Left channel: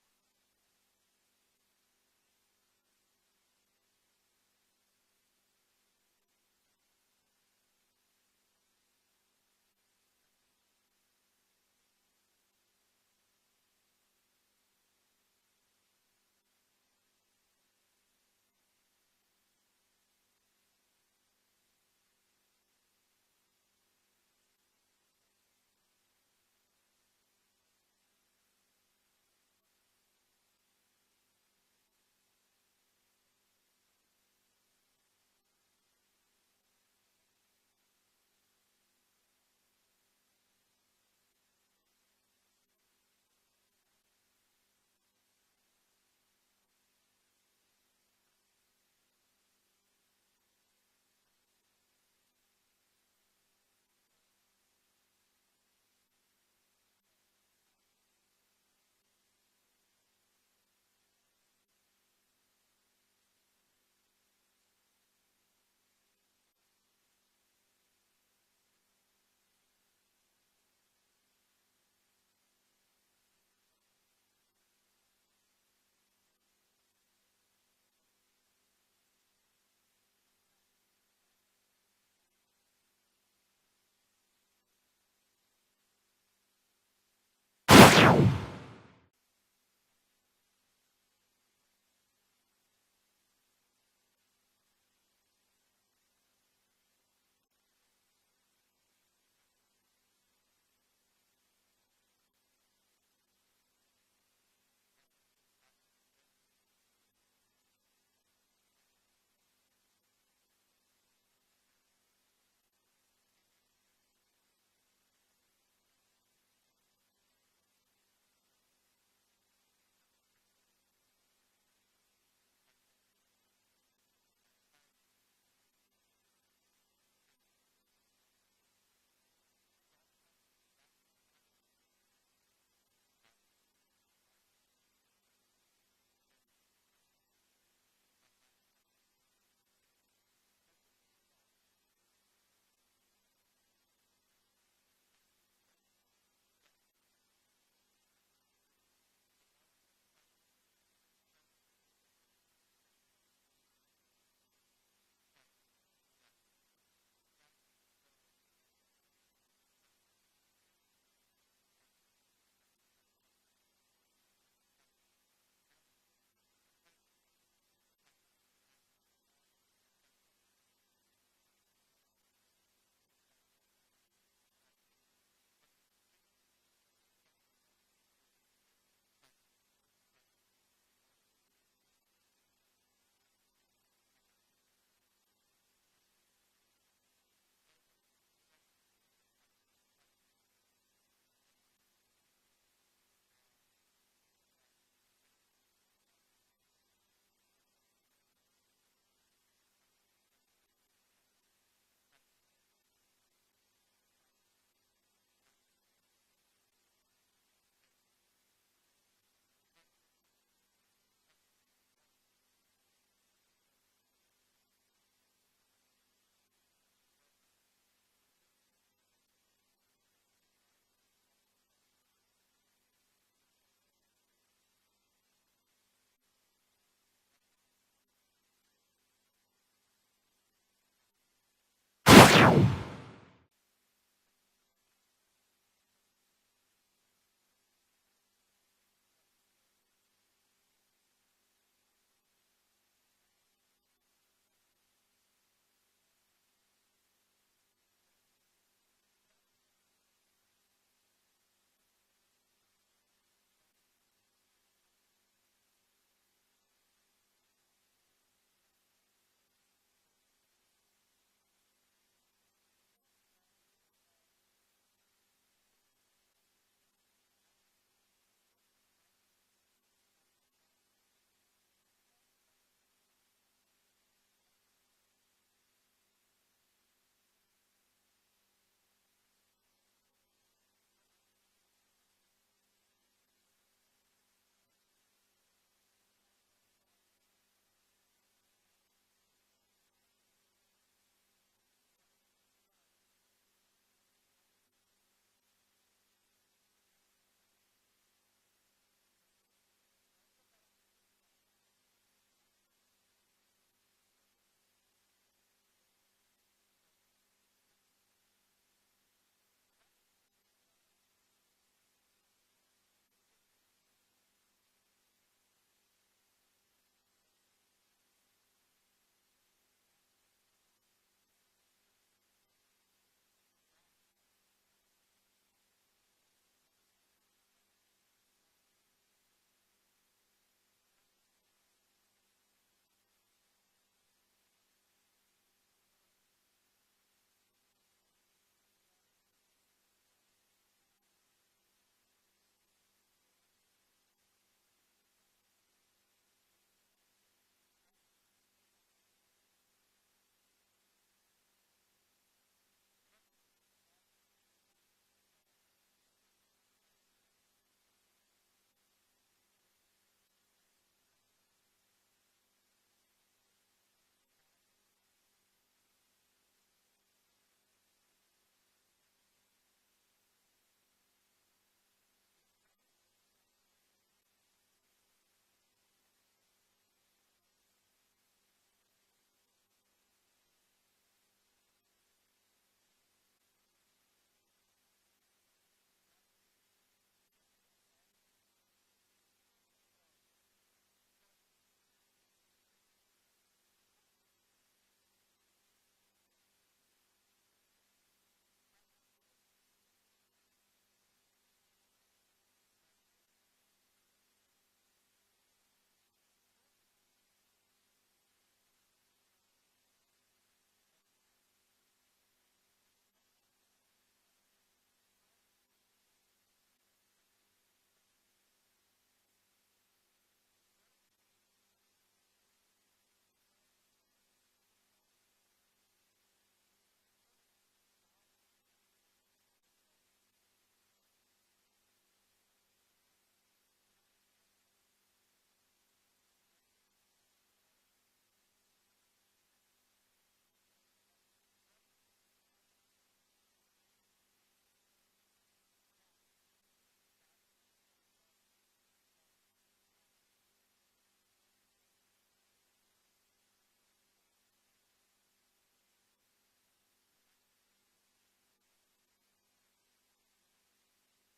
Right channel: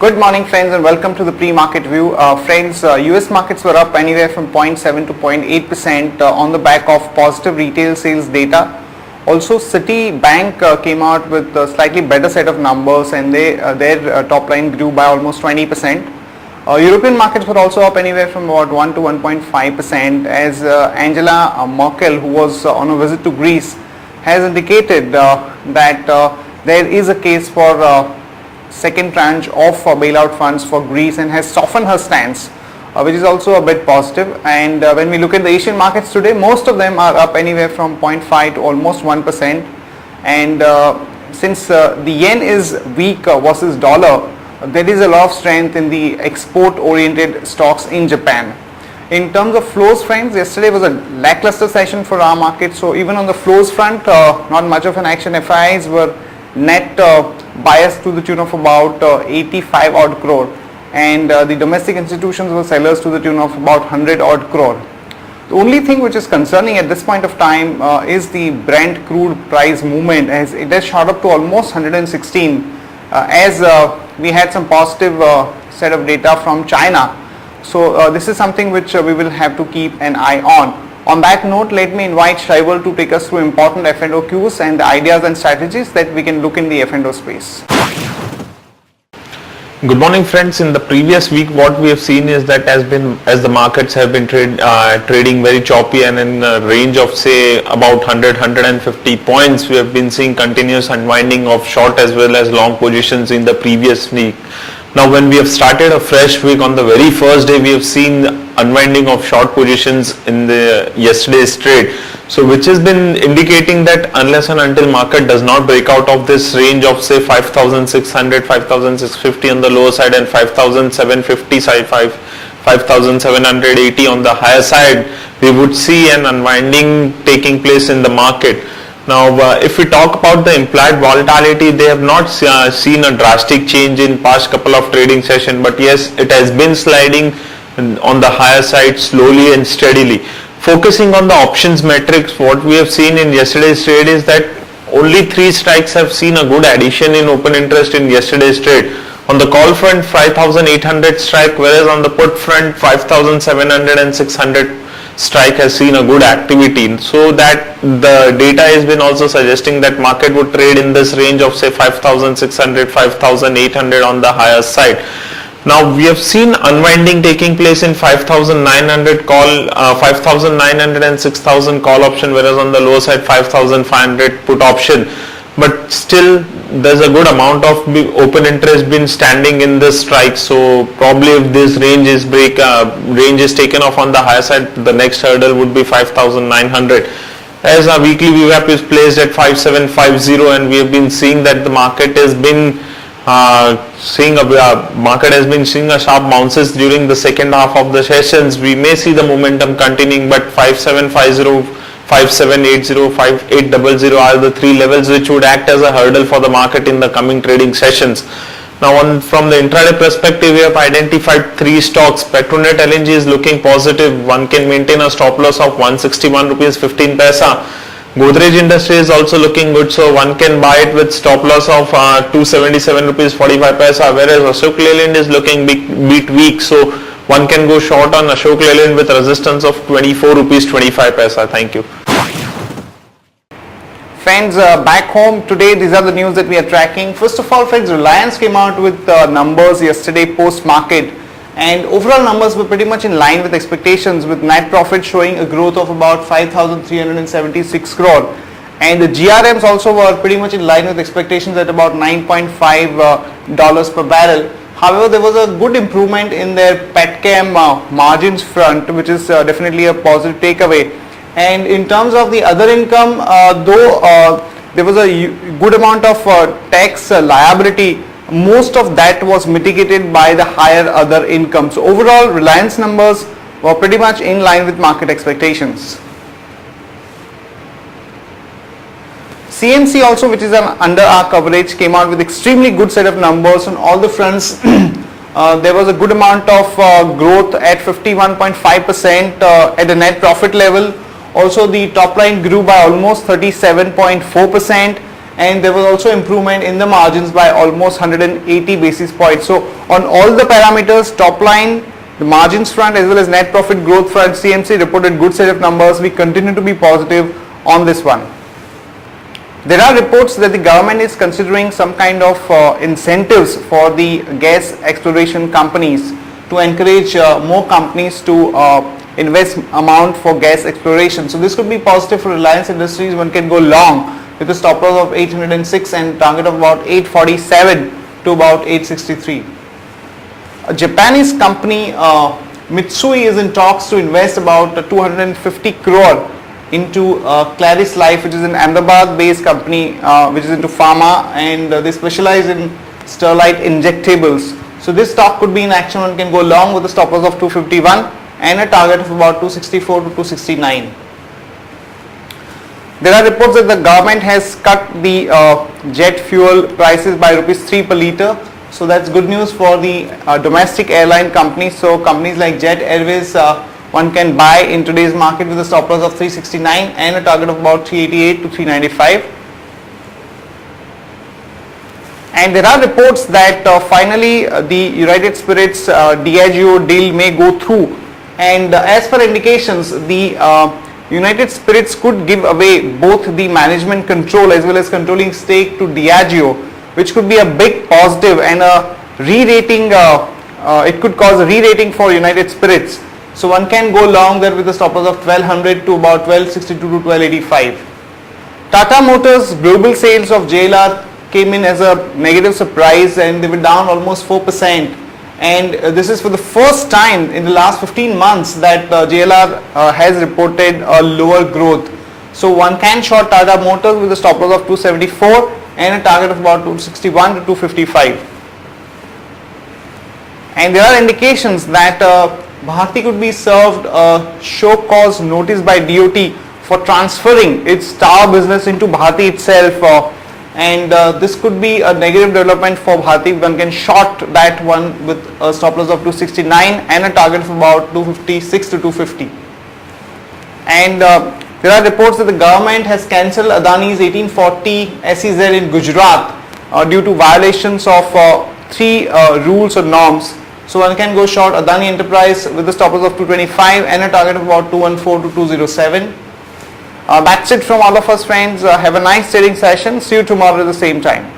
Good morning friends and welcome to the pre-market view. Friends, US markets were up anywhere from 0.7 to 0.8% on the back of positive retail sales data. Also Citibank came out with a slightly better set of numbers and their top line grew by almost 20%. European markets were also up anywhere from about 1 to 1.5% as Angela Merkel, who was on a visit to Greece, has indicated that there is a case for second tranche of bailout funds for Greece and has softened her stance, which is also a bit positive. And when we look at the Asian markets today, most of them are up anywhere from 0.5 to almost 1%. And since the yen is weak versus dollar, there is a lot of strength in the export-oriented stocks in Japan. In terms of flows, friends, yesterday was a lackluster session for our market. So even on the flows front, not much of an action. FIIs were net biased to the tune of about 85 odd crore, and the domestic institutions were sellers to the tune of about 100 odd crore. The only thing which is concerning at this point of time is the Brent crude price movement, as it has shot up to almost 116 as we had some positive set of data from China. So this is something which we will have to keep an eye on. On that note, let me invite Shaival to take us through important F&O cues and the ideas and strategies that we can look in the F&O space. Good morning friends. In the previous week what we have seen is that as the markets have been trading very choppy and in a range of say about 150 points, we have been seeing continuous unwinding of short as well as long positions in the previous week. Now when we have started a fresh week, on the very first day we have seen unwinding of short positions in the yesterday's trade. So which has been indicating that unless and until market does not break out of this range of say 5,600, 5,650 on the lower side and 5,750 side, 5,780 on the higher side, we would see an unwinding taking place in the market. Now, if we talk about the implied volatility, they have not seen a drastic change in past couple of trading sessions, but yes, it has been sliding on the higher side slowly and steadily. Focusing on the options metrics, what we have seen in yesterday's trade is that only 3 strikes have seen a good addition in open interest in yesterday's trade. On the call front, 5,800 strike, whereas on the put front, 5,700 and 600 strike has seen a good activity. So that the data has been also suggesting that market would trade in this range of say 5,600, 5,800 on the higher side. Now we have seen unwinding taking place in 5,900 call, 5,900 and 6,000 call option, whereas on the lower side 5,500 put option. But still there's a good amount of open interest been standing in this strike. So probably if this range is taken off on the higher side, the next hurdle would be 5,900. As our weekly VWAP is placed at 5750, and we have been seeing that the market has been seeing a sharp bounces during the second half of the sessions. We may see the momentum continuing, but 5750, 5780, 5800 are the 3 levels which would act as a hurdle for the market in the coming trading sessions. Now from the intraday perspective, we have identified 3 stocks. Petronet LNG is looking positive. One can maintain a stop loss of 161 rupees 15 paisa. Godrej Industry is also looking good, so one can buy it with stop loss of 277 rupees 45 paisa, whereas Ashok Leyland is looking bit weak, so one can go short on Ashok Leyland with resistance of 24 rupees 25 paisa. Thank you. Friends, back home today, these are the news that we are tracking. First of all, friends, Reliance came out with numbers yesterday post-market, and overall numbers were pretty much in line with expectations, with net profit showing a growth of about 5,376 crore. And the GRMs also were pretty much in line with expectations at about $9.5 per barrel. However, there was a good improvement in their petchem margins front, which is definitely a positive takeaway. And in terms of the other income, though there was a good amount of tax liability, most of that was mitigated by the higher other income. So overall, Reliance numbers were pretty much in line with market expectations. CMC also, which is under our coverage, came out with extremely good set of numbers on all the fronts. There was a good amount of growth at 51.5% at the net profit level. Also the top line grew by almost 37.4%, and there was also improvement in the margins by almost 180 basis points. So on all the parameters, top line, the margins front as well as net profit growth front, CMC reported good set of numbers. We continue to be positive on this one. There are reports that the government is considering some kind of incentives for the gas exploration companies to encourage more companies to invest amount for gas exploration. So this could be positive for Reliance Industries. One can go long with a stop loss of 806 and target of about 847 to about 863. A Japanese company Mitsui is in talks to invest about 250 crore into Claris Life, which is an Ahmedabad based company which is into pharma, and they specialize in Sterlite injectables. So this stock could be in action. One can go long with a stop loss of 251 and a target of about 264 to 269. There are reports that the government has cut the jet fuel prices by rupees 3 per litre. So that's good news for the domestic airline companies. So companies like Jet Airways, one can buy in today's market with a stop loss of 369 and a target of about 388 to 395. And there are reports that finally the United Spirits Diageo deal may go through. And as per indications, the United Spirits could give away both the management control as well as controlling stake to Diageo, which could be a big positive and a re-rating. It could cause a re-rating for United Spirits. So one can go long there with a stop loss of 1200 to about 1262 to 1285. Tata Motors global sales of JLR came in as a negative surprise, and they were down almost 4%. And this is for the first time in the last 15 months that JLR has reported a lower growth. So one can short Tata Motors with a stop loss of 274 and a target of about 261 to 255. And there are indications that Bharti could be served a show cause notice by DOT for transferring its tower business into Bharti itself. And this could be a negative development for Bharti. One can short that one with a stop loss of 269 and a target of about 256 to 250. And there are reports that the government has cancelled Adani's 1840 SEZ in Gujarat due to violations of 3 rules or norms. So one can go short Adani Enterprise with a stop loss of 225 and a target of about 214 to 207. That's it from all of us, friends. Have a nice trading session. See you tomorrow at the same time.